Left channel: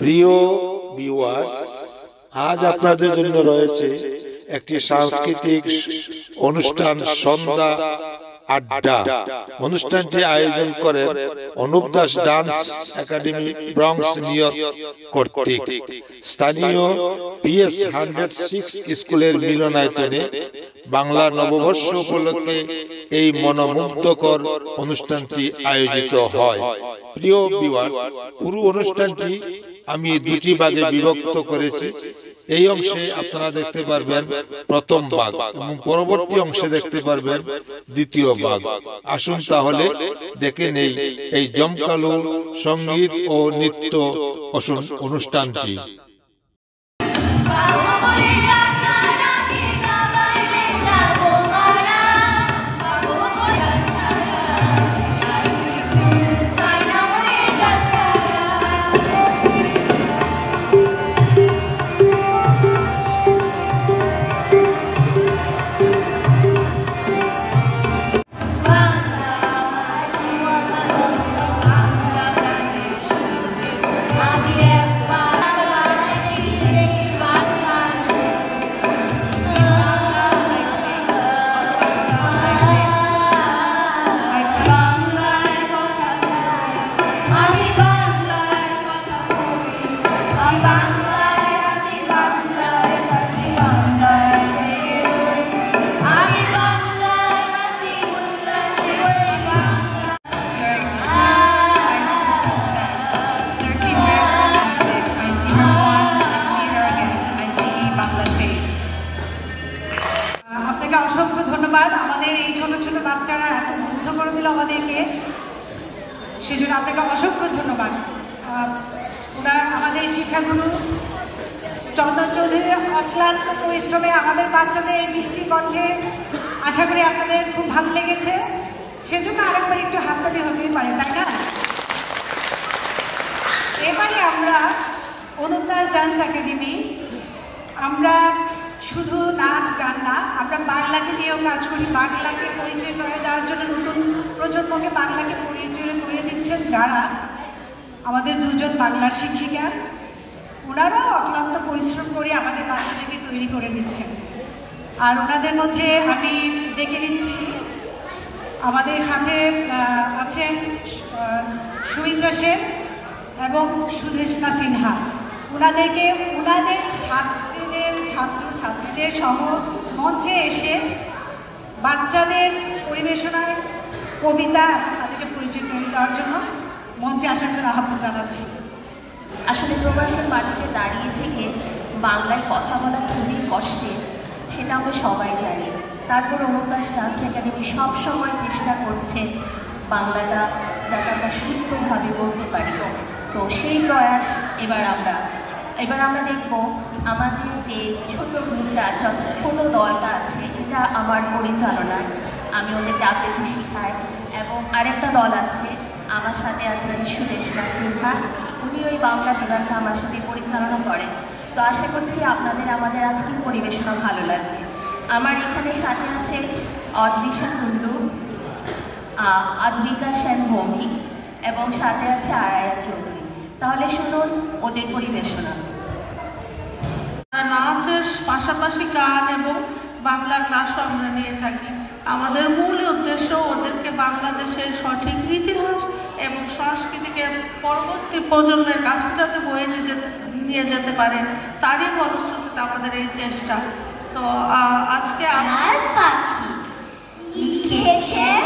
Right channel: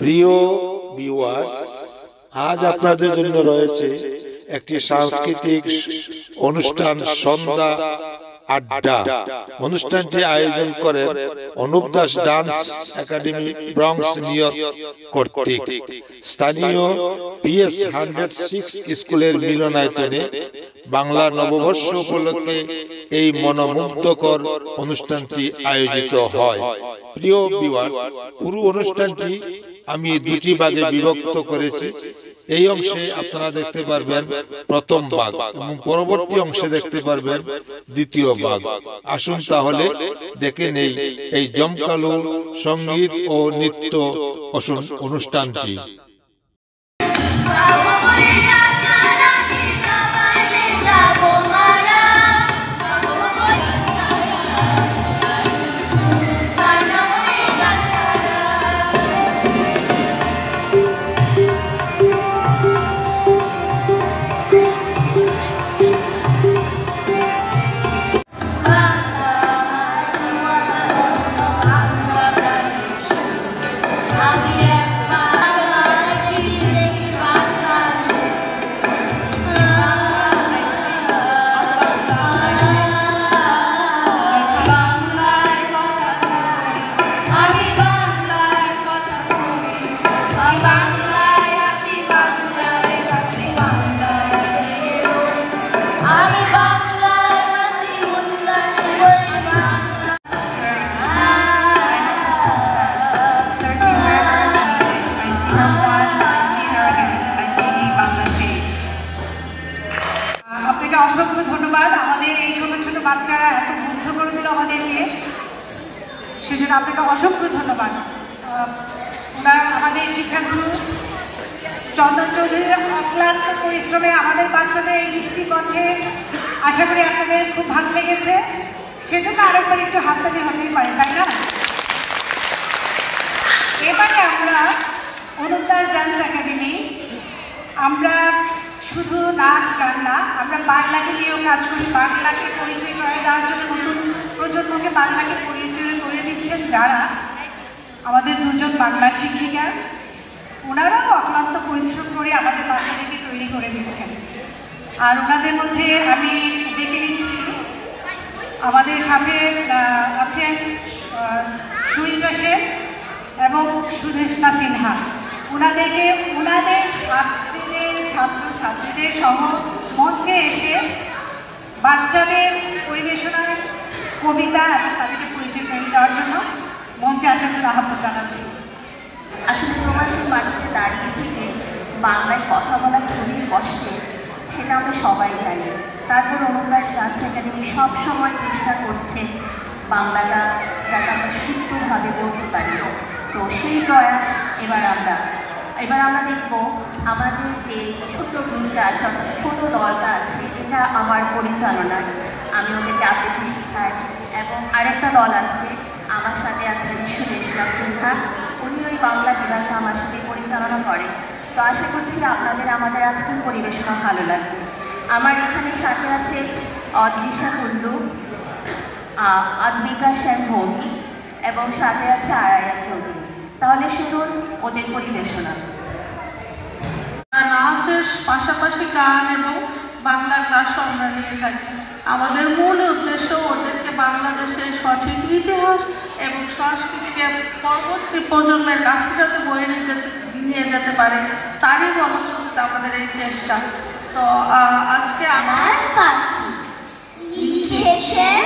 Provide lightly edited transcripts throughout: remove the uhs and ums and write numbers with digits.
প্রিয় ভিউয়ার্স, আজ আপনাদের জন্য রয়েছে একটি সাংস্কৃতিক অনুষ্ঠান, সন্ধ্যা আড্ডা। অনুষ্ঠানটি আয়োজন করেন Anup Das dance academy, Bronx, new York কর্তৃক। স্থানীয় PS 106 স্কুলের মিলনায়তনে বাংলা নববর্ষ উপলক্ষে এই মনোমুগ্ধকর অনুষ্ঠানটি আয়োজিত হয়। প্রিয় ভিউয়ার্স, পুরো অনুষ্ঠানটি আমি দুটি ভাগে বিভক্ত করেছি। এই অংশে আপনারা দেখতে পারবেন প্রথম ভাগ এবং পরবর্তী অংশে দেখতে পারবেন দ্বিতীয় ভাগ। আসুন তাহলে দেখে নেই এই জমকালো সঙ্গীত ও নৃত্য অনুষ্ঠানটি। সেজন্য আপনাকে অসংখ্য ধন্যবাদ। ওনার আমাদের শিক্ষাগুরু চন্দন চৌধুরীর অক্লান্ত পরিশ্রমে আমাদের বাচ্চাদের এই মিষ্টি কণ্ঠে আশা করি আপনাদের খুব ভালো লেগেছে। সেজন্য আরেকবার একটু হাততালি হতেই পারে, তাই না? এবারে আমরা অনুপ দাস ডান্স একাডেমি, আমরা শুধু নাচ গান না, আমরা বাংলাকে নিয়েও কাজ করি। বাংলাকে পরিচয় করে দেওয়ার জন্য নতুন প্রজন্মকে বাংলাকে পরিচয় করে দিচ্ছেন যারা আমাদের দুজন বাংলা শিক্ষিকা, ওনারাও অক্লান্ত পরিশ্রম করে আমাদের বাচ্চাদেরকে তৈরি করে দিচ্ছেন। আর ওনাদের মধ্যে আমি দেখে নিচ্ছি আমাদের সাথে আছেন সুইন্দ্র সেন এবং সুদেষ্ণা সিনহা। ওনাদেরকে ওনাদের ছাত্রছাত্রীদের সহ মঞ্চে এসে বাচ্চাদের পরিবেশনায় কবিতা এবং তাদেরকে পরিচয় করে দেওয়ার জন্য মঞ্চে আসার জন্য আহ্বান জানাচ্ছি। আসলে প্রবাসের মাটিতে দাঁড়িয়ে থেকে বাংলায় কথা বলা খুবই কষ্টের, সেটা আমরা সবাই জানি। তারপর অনুপ দাস ডান্স একাডেমি সবসময় চেষ্টা করছে বাংলাটা যাতে আমরা শুদ্ধভাবে বলতে পারি। তো সেই প্রয়াস এবার আমরা দেখব আমাদের যে ছোট গ্রুপটা আছে, অর্থাৎ ছোট দলটা আছে, এটা আমার পরিচালনায় আমি ওদেরকে আবৃত্তি শেখাই। এবং আরেকটা দল আছে, আমার সাথে আছেন সুদেষ্ণা সিনহা, উনি ওই বাংলা বিভাগটা আমার সাথে পরিচালনা করেন। তো আশা করছি আপনাদের আমাদের আজকের পরিবেশনা ভালো লাগবে। আমার এখানে সাথে আছে অদ্রিশা কুন্ডু, আদ্বিকা সেন ভৌমি এবং সাথে আছে আরায়া চৌধুরী। তাহলে শুনুন ওদের পরিবেশনা। নাচের পাশাপাশি গান এবং বাংলা ক্লাসও আমরা নিয়ে থাকি। আমাদের মূল উদ্দেশ্য ওদেরকে বাংলাদেশের সঠিক ইতিহাস এবং সংস্কৃতিকে পরবর্তী প্রজন্মের কাছে যাতে বয়ে নিয়ে যেতে পারে, তারই ফলশ্রুতিতে আমাদের এই চেষ্টা। তো আজকে আমার পাখি লিখেছেন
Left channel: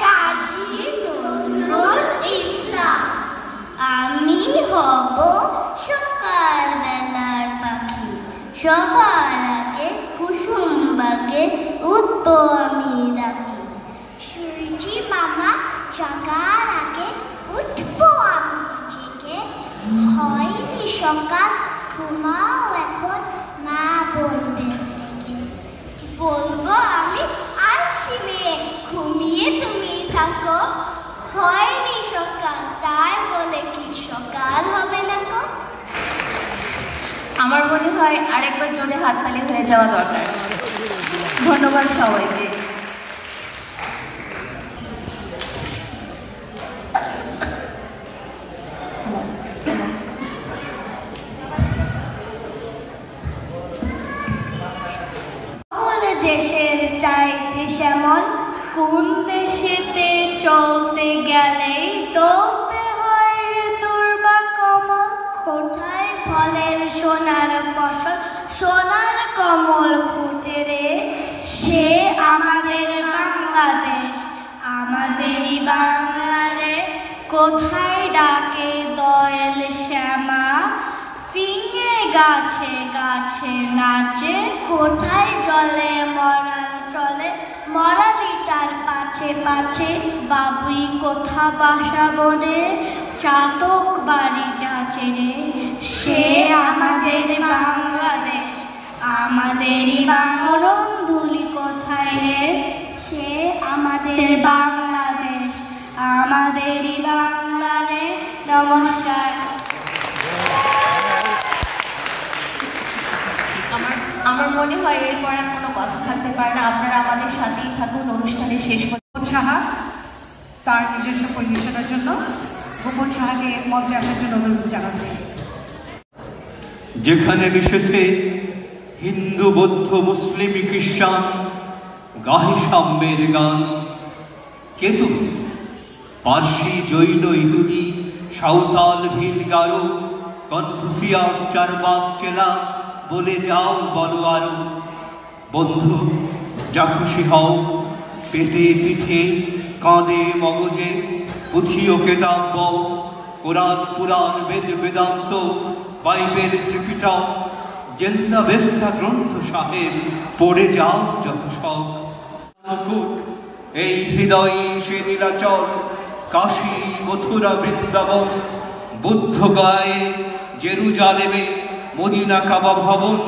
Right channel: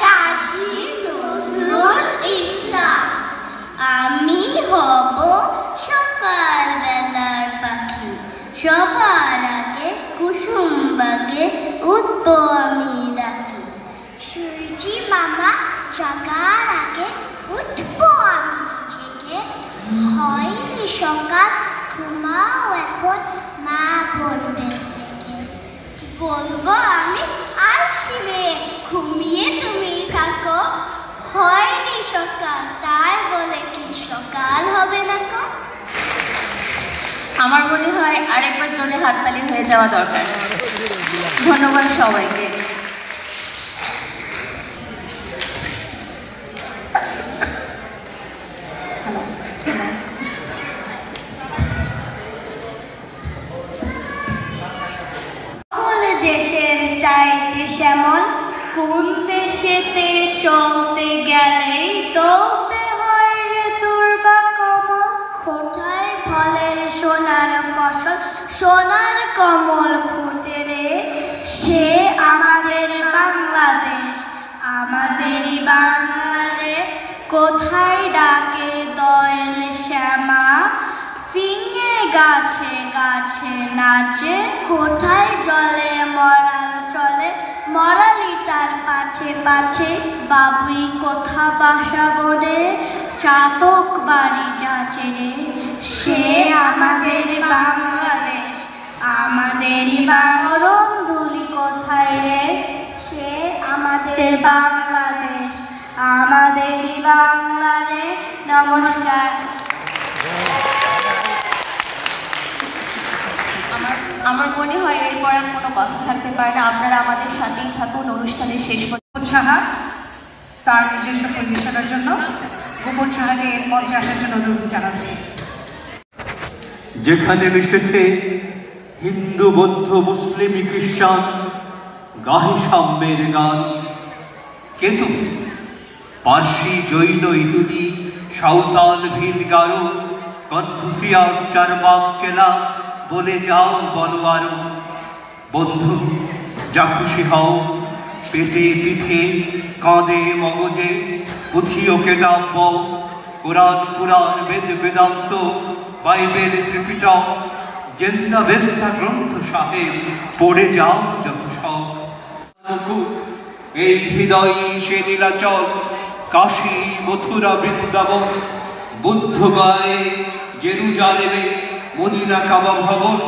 কাজী নজরুল ইসলাম। আমি হব সকালবেলার পাখি, সবার আগে কুসুম বাগে উঠবো আমি ডাকি। সূর্যি মামা জাগার আগে উঠবো আমি জেগে। হয়নি সকাল, ঘুমাও এখন, মা বলবে ডেকে। বলবো আমি আলসি মেয়ে, ঘুমিয়ে তুমি থাকো। হয়নি সকাল, তাই বলে কি সকাল হবে না তো? আমার মনে হয় আরেকবার জোরে হাততালি হয়ে যাওয়া দরকার। ধন্যবাদ সবাইকে। দেশের চাইতে শ্যামল, কোন দেশেতে চলতে গেলেই তোলতে হয় ঋতুর বা কমল। কোথায় ফলের সোনার ফসল, সোনার কমল ফুটে রে, সে আমাদের বাংলাদেশ, আমাদেরই বাংলা রে। কোথায় ডাকে দোয়েল শ্যামা, ফিঙে গাছে গাছে নাচে, কোথায় জলে মরাল চলে, মরালি তার পাছে পাছে। বাবুই কোথা বাসা বনে, চাতক বাড়ি যাচে রে, সে আমাদের বাংলাদেশ, আমাদেরই বাংলাধুলি কোথায় রে, সে আমাদের বাংলাদেশ, আমাদেরই বাংলা রে। নমস্কার। আমার মনে হয় এরপর আর কোনো কথা থাকতে পারে না। আপনারা আমাদের সাথেই থাকুন অনুষ্ঠানের শেষ পর্যন্ত। সাহা তার নিজস্ব পরিবেশনার জন্য গোপন সাহাকে মঞ্চে আসার জন্য অনুরোধ জানাচ্ছি। যেখানে মিশেছে হিন্দু, বৌদ্ধ, মুসলিম, খ্রিস্টান, গাহে সাম্যের গান। কেতু, পার্সি, জৈন, ইহুদি, সাঁওতাল, ভিল, গারো, কনফুসিয়াস, চারবাক, চেলা, বলে যাও বলো আরো। বন্ধু, যা খুশি হও, পেটে পিঠে, কাঁধে মগজে, পুঁথি ও কেতাব বও, কোরআন পুরাণ, বেদ বেদান্ত, বাইবেল, ত্রিপিটক, জেন্দা বেস্তা গ্রন্থ সাহেব, পড়ে যাও যত সব। এই হৃদয়ে সে নীলাচল, কাশী, মথুরা, বৃন্দাবন, বুদ্ধ গায়ে, জেরুজালেমে, মদিনা, কাবা ভবন,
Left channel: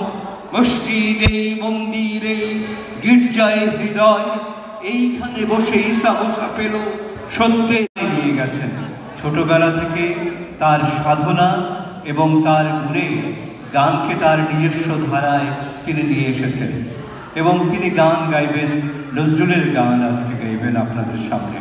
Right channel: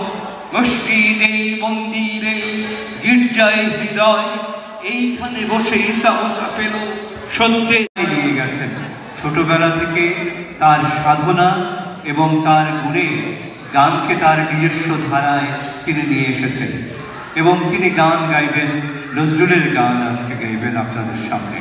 মসজিদে, মন্দিরে, গির্জায় হৃদয়, এইখানে বসে ঈসা মুসা পেল সত্যে নিয়ে গেছেন। ছোটবেলা থেকে তার সাধনা এবং তার গুণে গানকে তার নিজস্ব ধারায় তিনি নিয়ে এসেছেন এবং তিনি গান গাইবেন, নজরুলের গান আজকে গাইবেন আপনাদের সামনে।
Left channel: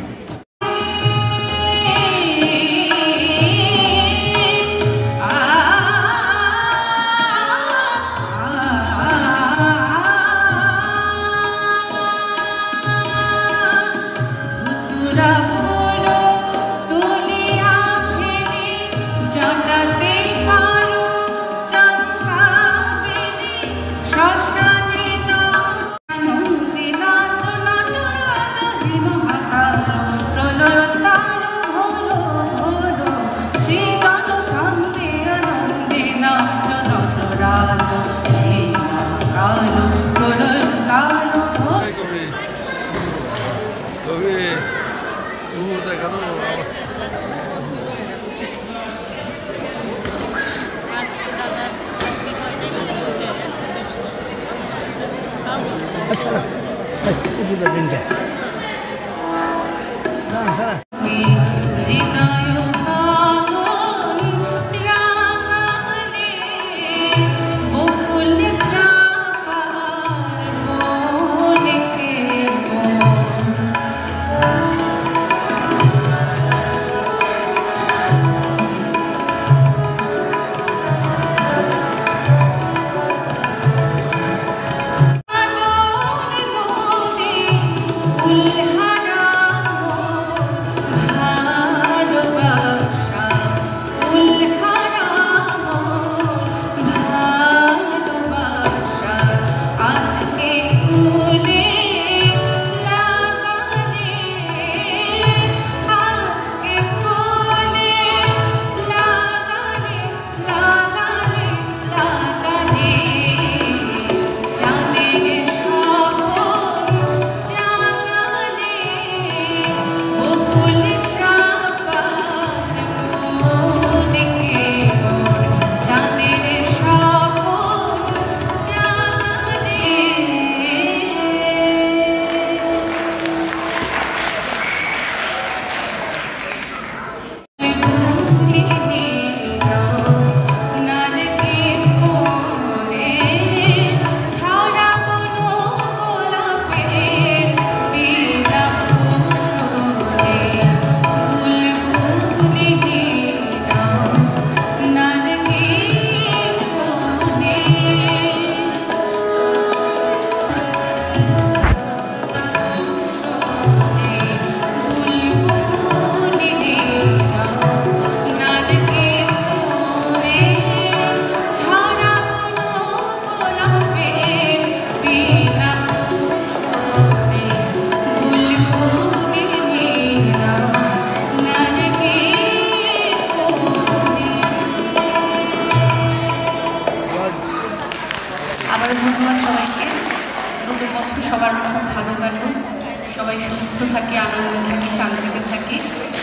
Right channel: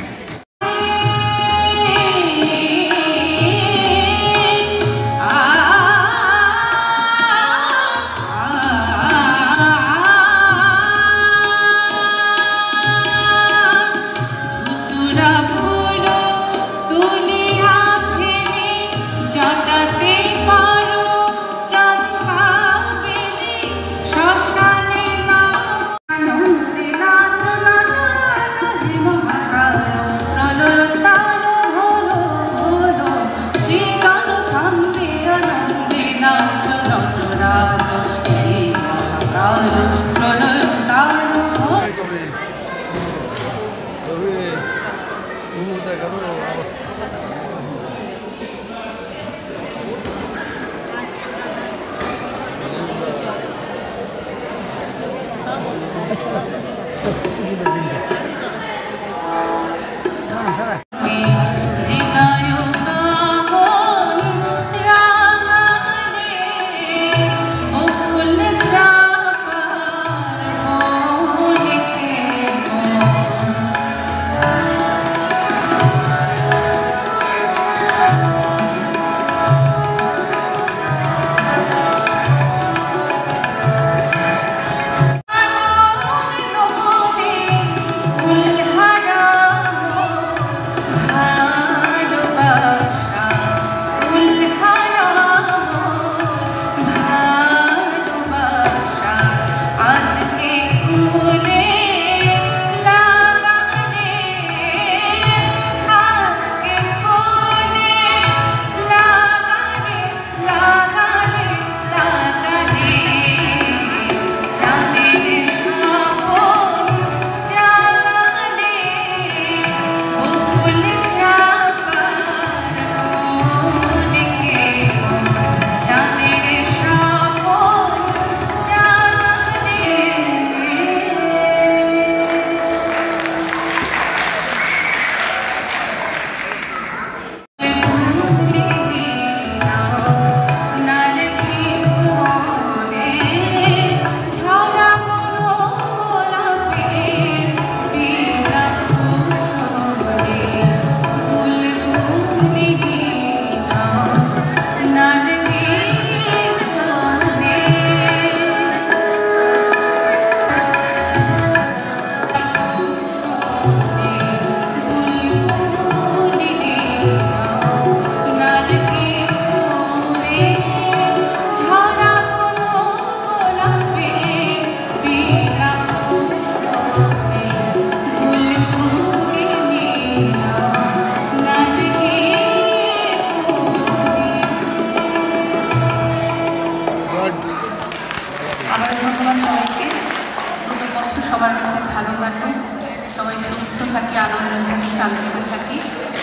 সুস্থ থাকি, আনন্দ থাকি, শান্তিতে থাকি,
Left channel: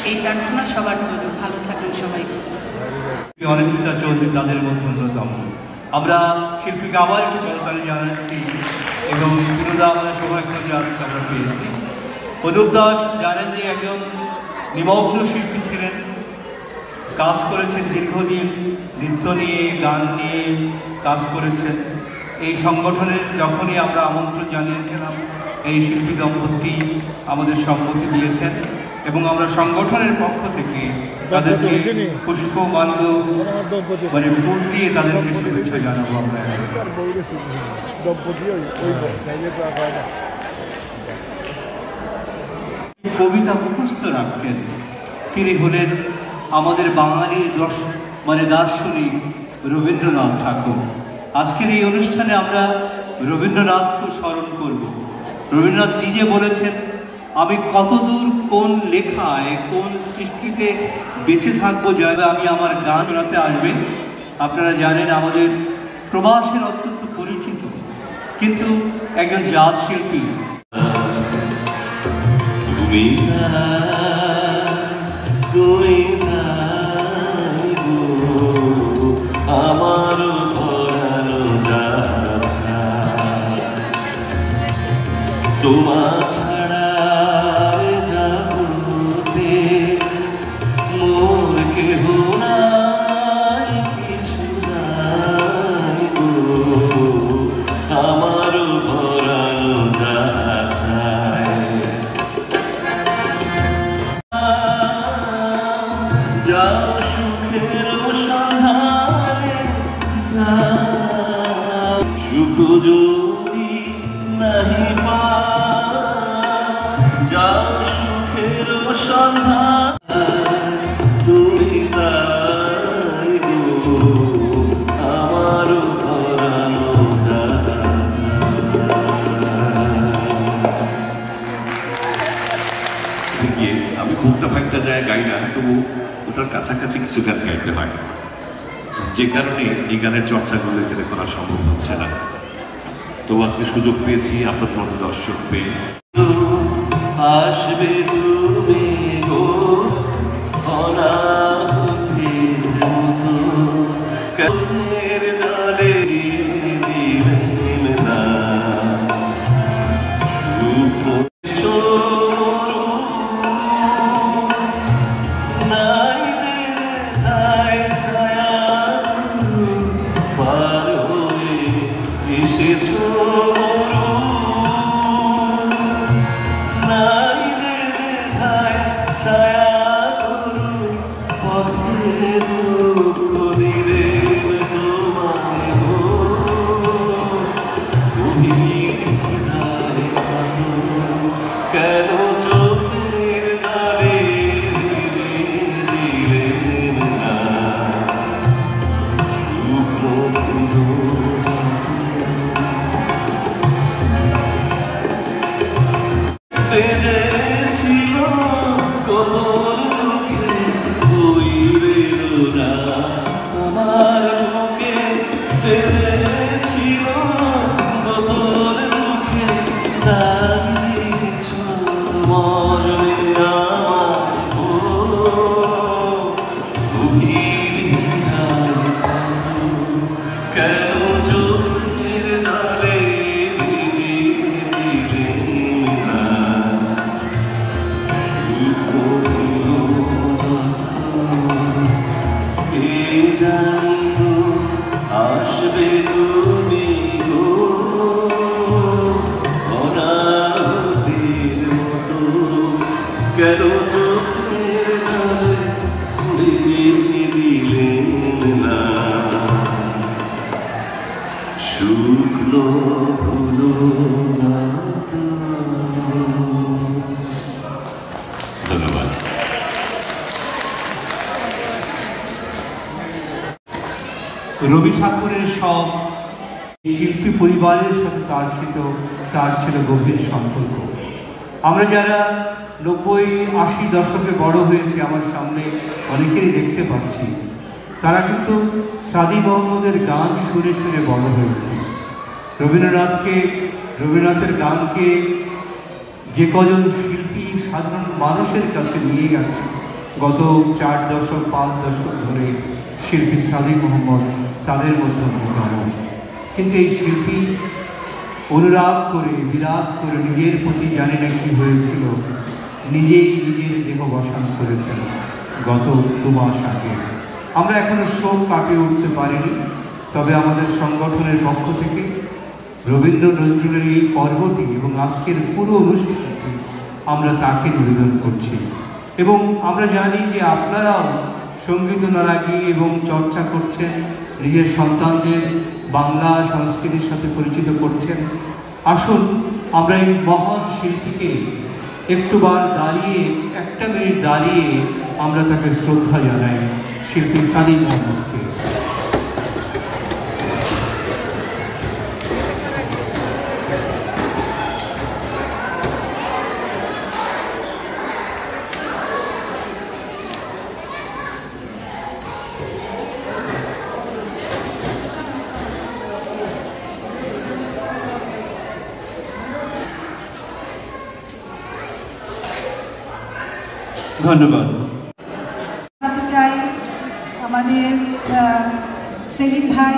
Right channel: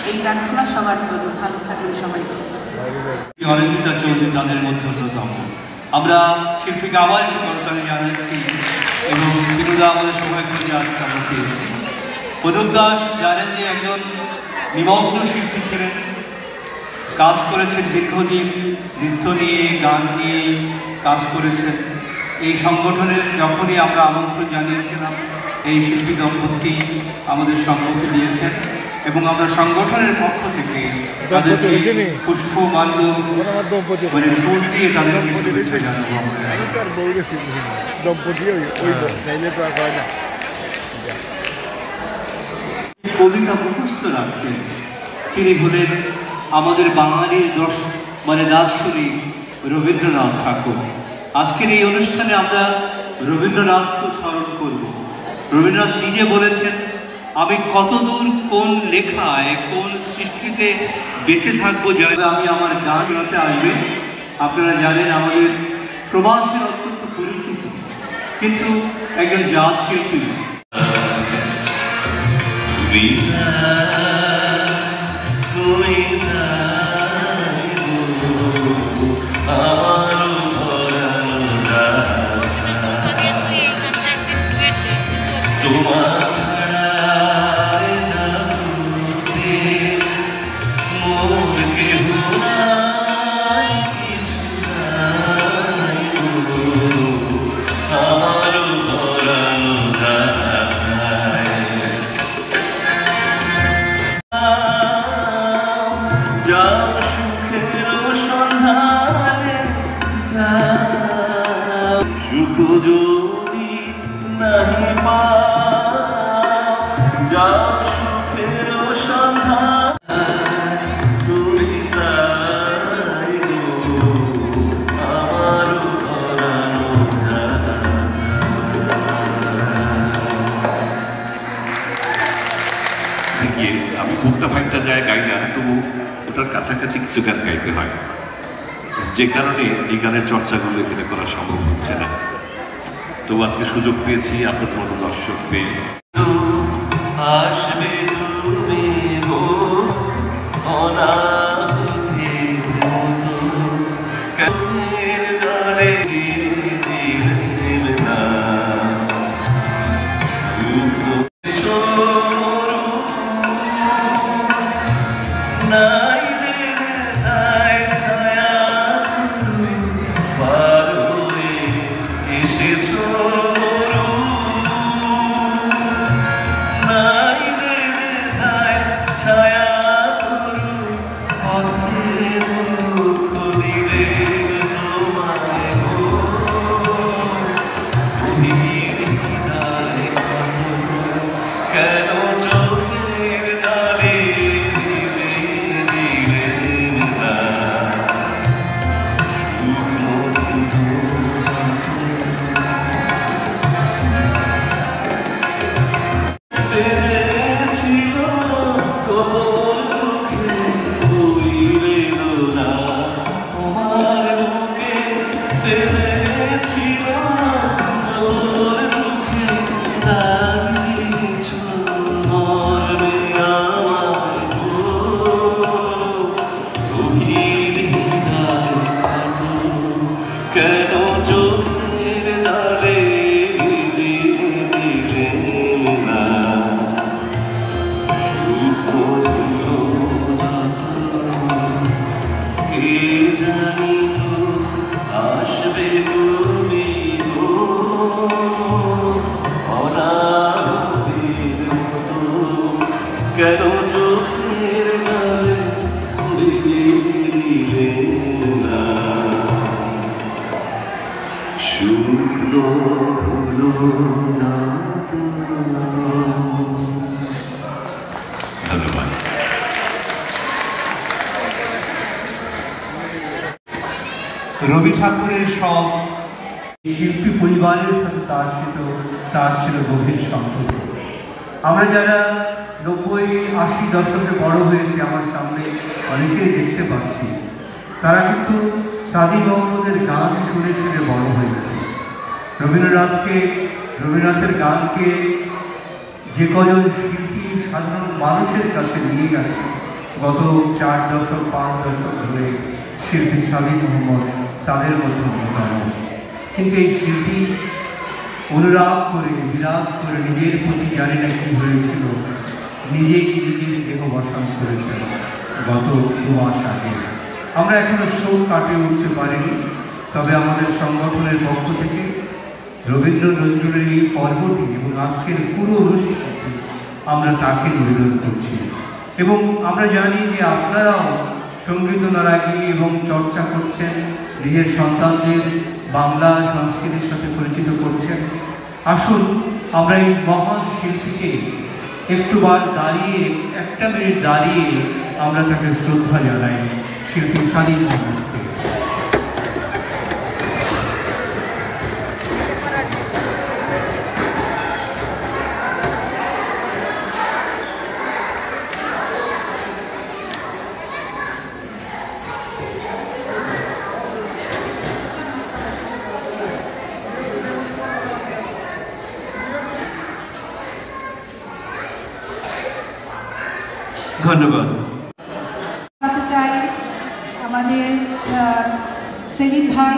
এই প্রার্থনা সবার জন্য। ভালো থাকুন সবাই। অনিন্দিতা চৌধুরী তাদের মধ্যে অন্যতম। আমরা শিল্পীকে আবার একটু করতালি জানাচ্ছি এবং বিনোদা আমাদের সময় করে আজকে আমরা পেয়েছি। অনুপ দাস জানেন যে একজন নিমগ্ন শিল্পী ছিলেন, কাজ করেছেন দীর্ঘদিন, নৃত্য নিয়ে, গান নিয়ে কাজ করেছেন। এই সংগঠনের যখনই আমরা আমন্ত্রণ জানিয়েছিলাম, এই শিল্পী দম্পতি আমাদের সম্মতি দিয়েছেন এবং আমরা সংগঠনের পক্ষ থেকে তাদেরকে পুষ্পমাল্য মানে ফুল দিয়ে তাদেরকে শুভেচ্ছা জানাবো। কবিতা মুখস্থ রাখতেন, তিনি হলেন আমাদের বাঙালির দার্শনিক রবীন্দ্রনাথ ঠাকুর। আজকের এই অনুষ্ঠানে আমরা রবীন্দ্রনাথকে স্মরণ করব। রবীন্দ্রনাথ নিজে বলেছেন, আমি কতদূর কোন লেখায় কোন সৃষ্টিতে বেঁচে থাকবো জয় আমি আমার গান গাতে আসবে। আপনারা জানেন আমাদের প্রবাসের অত্যন্ত পরিচিত কিন্তু একজন জাজ শিল্পী। আমি বুকটা ফাইটটা যায় গাই না, তবু ওটার কাছাকাছি কিছু গান গাইতে হয়, যে কারণে এই গানের চর্চাগুলো এখানে করা সম্ভব হচ্ছে না। তবু আজকে সুযোগ পেয়েছি আপনাদের মতো দর্শক পেয়ে। আসবে তুমি রবি ঠাকুরের সব শিল্পী পরিবারের সাথে তার ছিল গভীর সম্পর্ক। আমরা যারা 90-80 দশকে বড় হয়েছে, আমার সামনে অনেকেই দেখতে পাচ্ছি, তারা কিন্তু সাদি মোহাম্মদের গান শুনে শুনে বড় হয়েছে। রবীন্দ্রনাথের গানকে যে কজন শিল্পী সাধারণ মানুষের কাছে নিয়ে গেছে গত 4 দশক 5 দশক ধরে শিল্পী সাদিক মোহাম্মদ তাদের মধ্যে অন্যতম। কিন্তু এই শিল্পী অনুরাগ করে বিরাগ করে নিজের প্রতি জানি না কি হয়েছিল, নিজেই নিজের দেহ বসান করেছেন গত 2 মাস আগে। আমরা এখনো শোক কাটিয়ে উঠতে পারিনি, তবে আমাদের সংগঠনের পক্ষ থেকে রবীন্দ্র নজরুলের এই পর্বটি এবং আজকের পুরো অনুষ্ঠানটি আমরা তাকে নিবেদন করছি। এবং আমরা জানি যে আপনারাও সঙ্গীত অনুরাগী এবং চর্চা করছেন, নিজের সন্তানদের বাংলা সংস্কৃতির সাথে পরিচিত করছেন। আসুন আমরা এই মহান শিল্পীকে একটুবার দাঁড়িয়ে 1 মিনিট দাঁড়িয়ে আমরা তাকে শ্রদ্ধা জানাই, শিল্পী সাদিক মোহাম্মদকে। ধন্যবাদ। চাই আমাদের সেলিম ভাই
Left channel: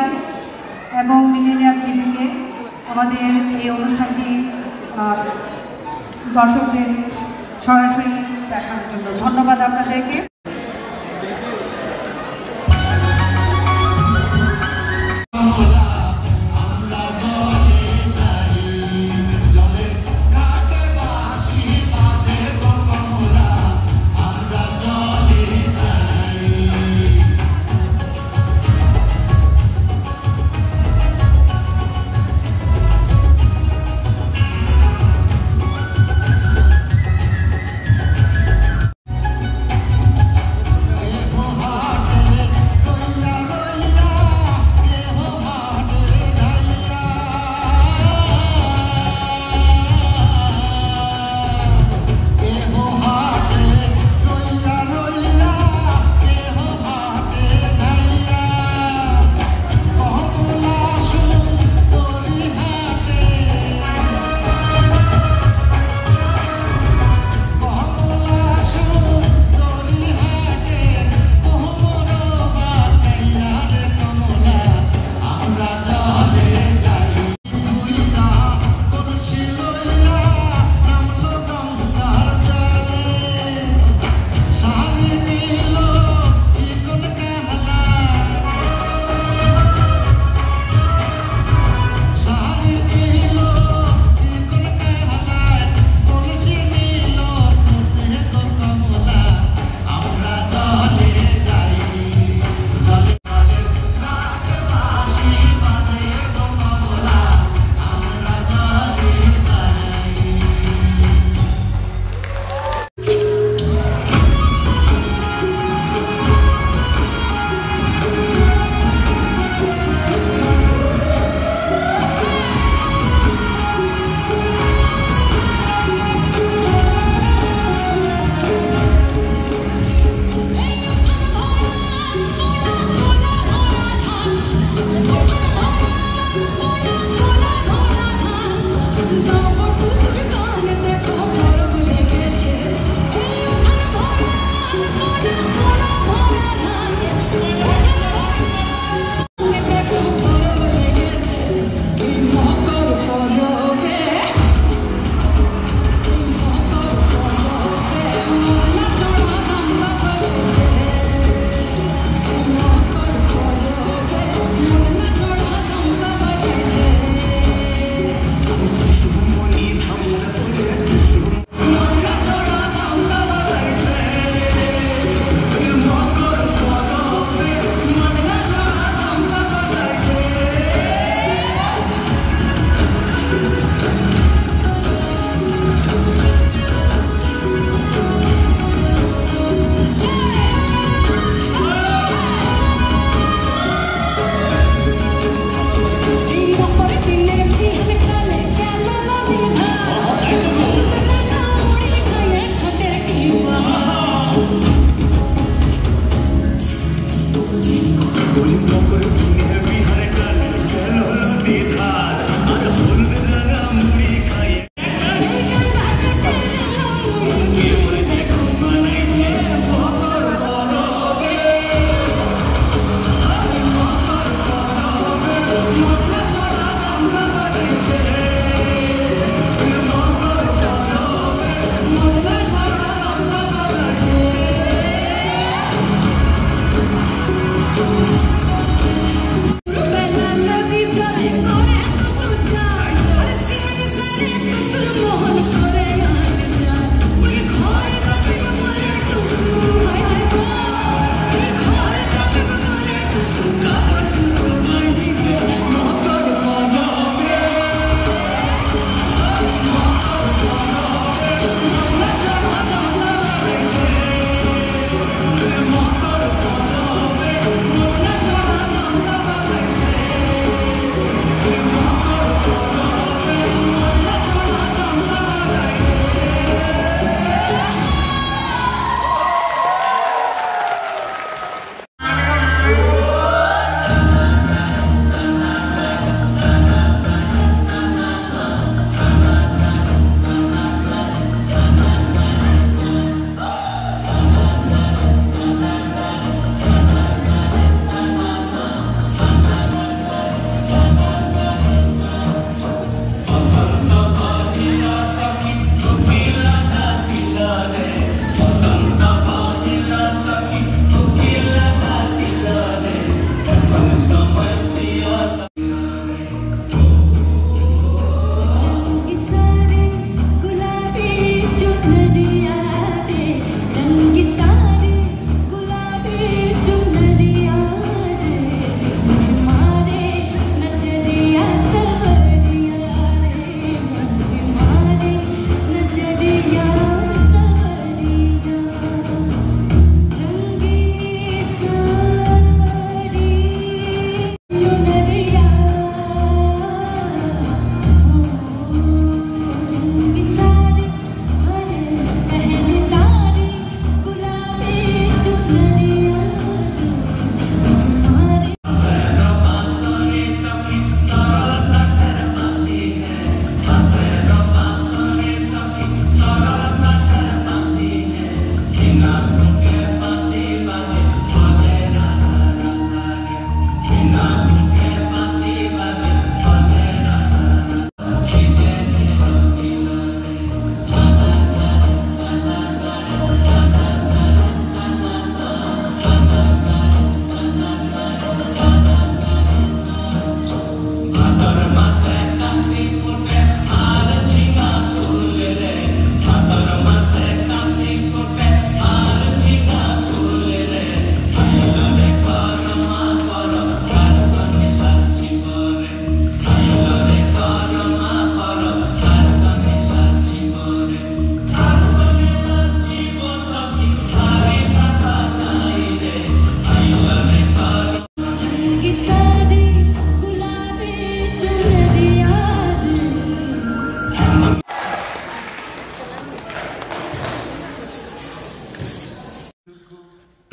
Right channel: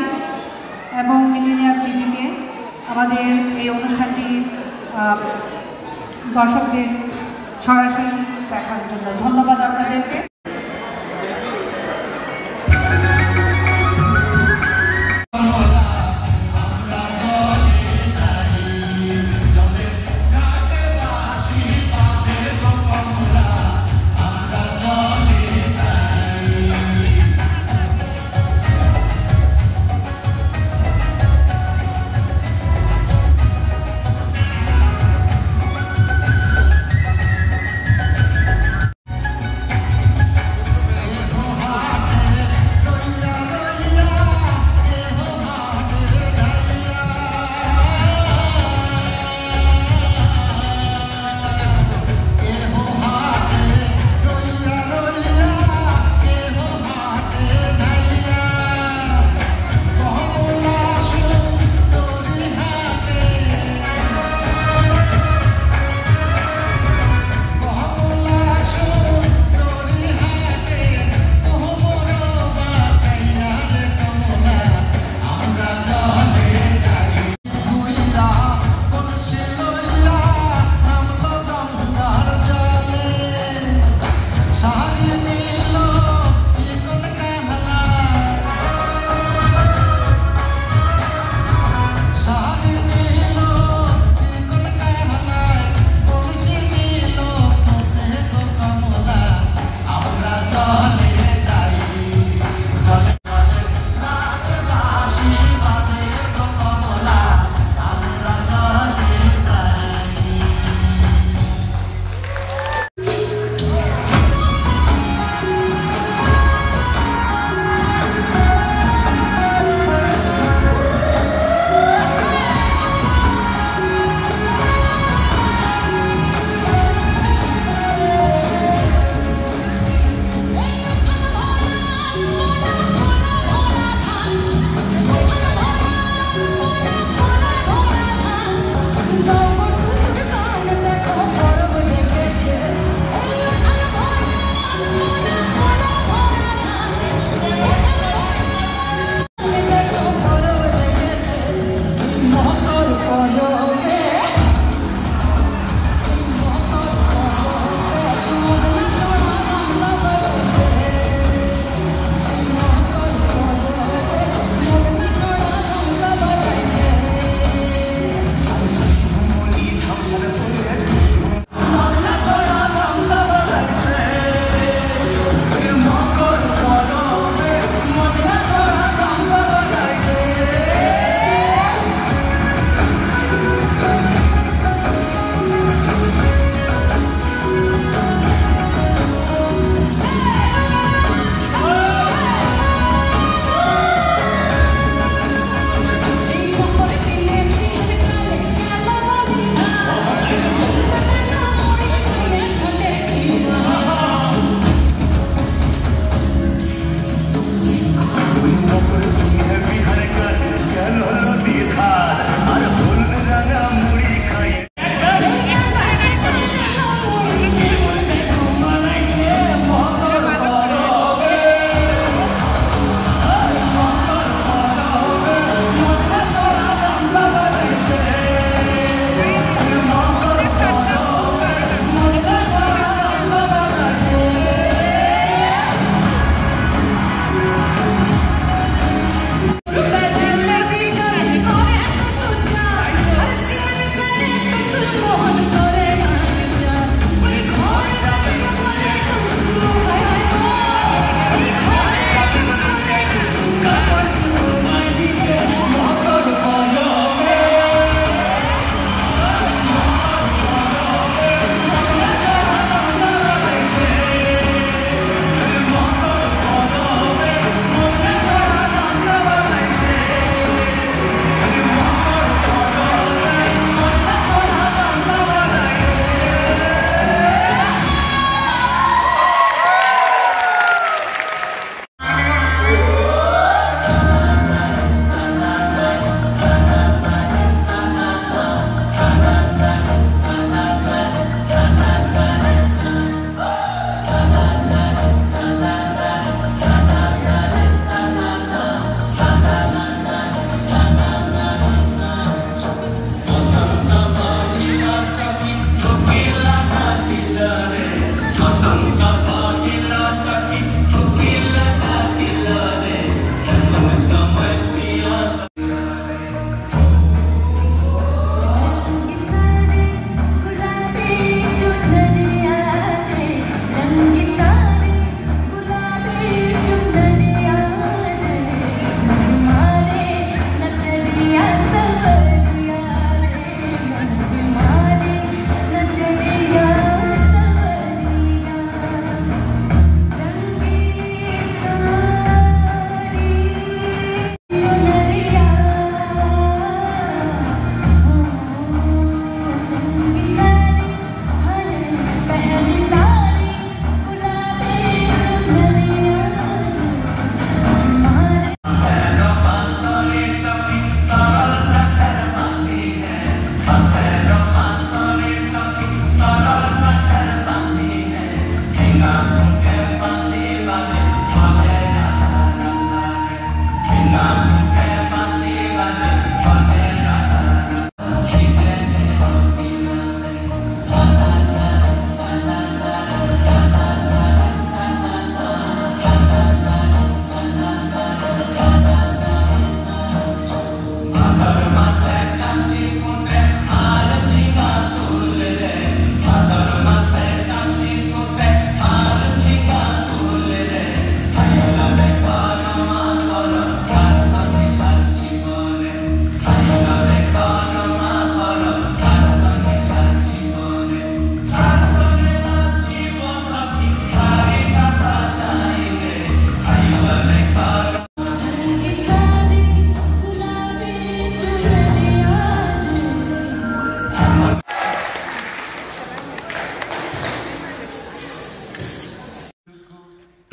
এবং মিলেনিয়াম টিভিকে আমাদের এই অনুষ্ঠানটি দর্শকদের সরাসরি দেখার জন্য ধন্যবাদ আপনাদেরকে।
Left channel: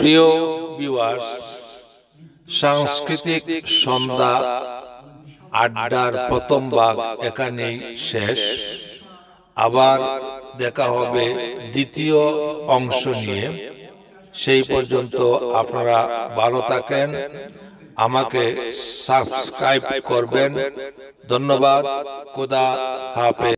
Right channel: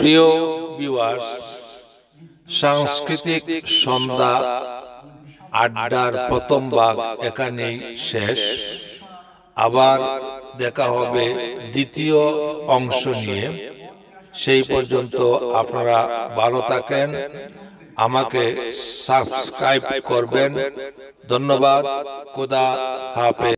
প্রিয় ভিউয়ার্স, সাংস্কৃতিক সন্ধ্যা আড্ডার প্রথম ভাগ এখানেই শেষ। আবার দেখা হবে দ্বিতীয় অংশ নিয়ে। সেই পর্যন্ত আপনারা ভালো থাকেন, আমাকে সাবস্ক্রাইব করবেন। ধন্যবাদ। খোদা হাফেজ।